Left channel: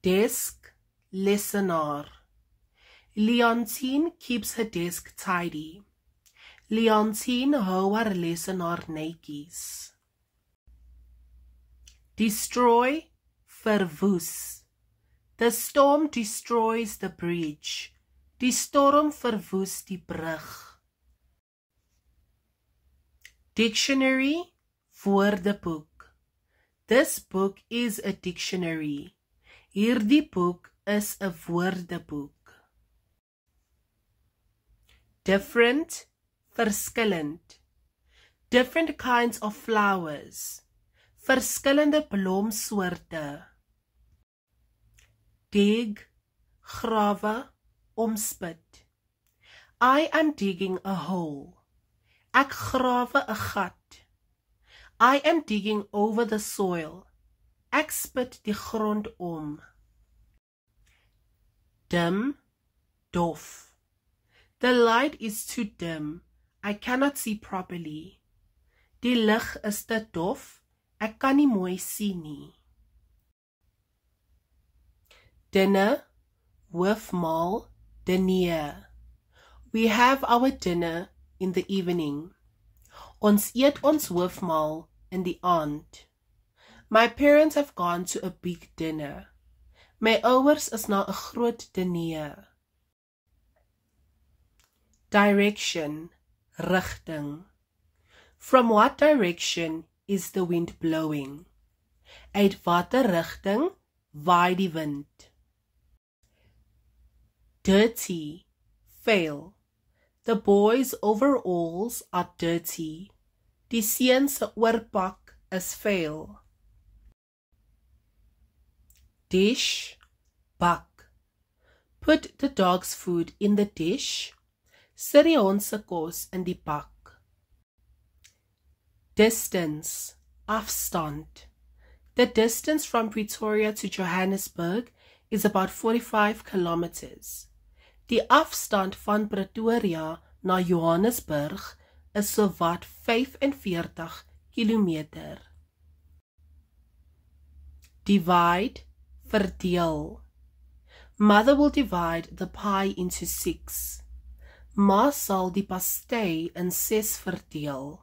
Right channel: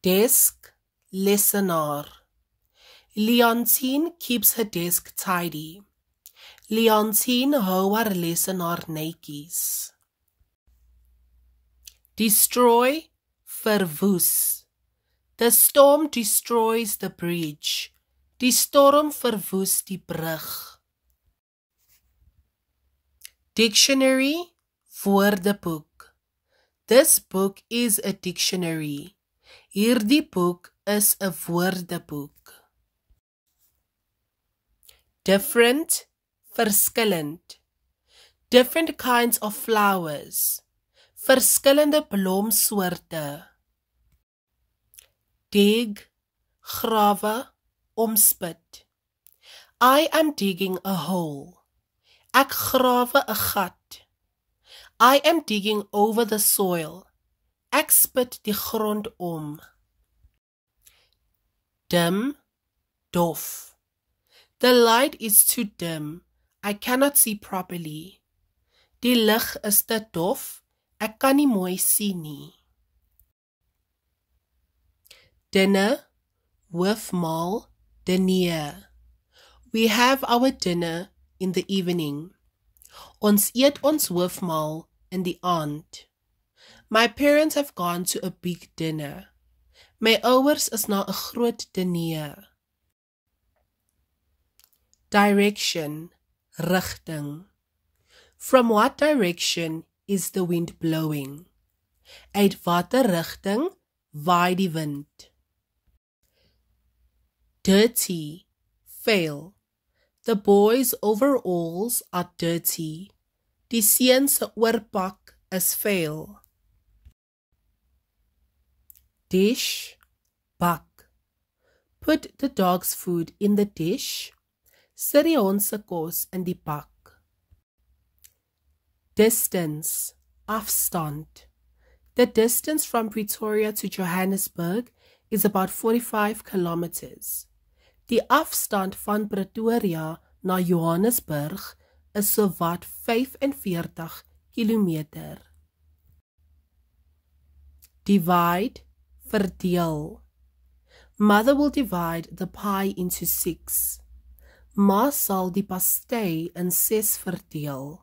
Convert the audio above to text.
Desk, lesenaar. Leontine keeps her desk tidy. Leontine hou haar lesenaar netjies. Destroy, verwoes. The storm destroys the bridge. Die storm verwoes die brug. Dictionary, woordeboek. This book is a dictionary. Hierdie boek is 'n woordeboek. Different, verskillend. Different kinds of flowers. Verskillende blomsoorte. Dig, grawe, omspit. I am digging a hole. Ek grawe 'n gat. I am digging over the soil. Ek spit die grond om. Dim, dof. The light is too dim. I cannot see properly. Die lig is te dof. Ek kan nie mooi sien nie. Dinner, hoofmaal, diner. We have our dinner in the evening. Ons eet ons hoofmaal in die aand. My parents have gone to a big dinner. My ouers is na 'n groot diner. Direction, rigting. From what direction is the wind blowing? Uit watter rigting waai die wind? Dirty, vuil. The boys' overalls are dirty. Die seuns se oorpak is vuil. Dish, bak. Put the dog's food in the dish. Sit die hond se kos in die bak. Distance, afstand. The distance from Pretoria to Johannesburg is about 45 kilometers. Die afstand van Pretoria na Johannesburg is so wat 45 kilometer. Divide, verdeel. Mother will divide the pie into 6. Ma sal die pastei in 6 verdeel.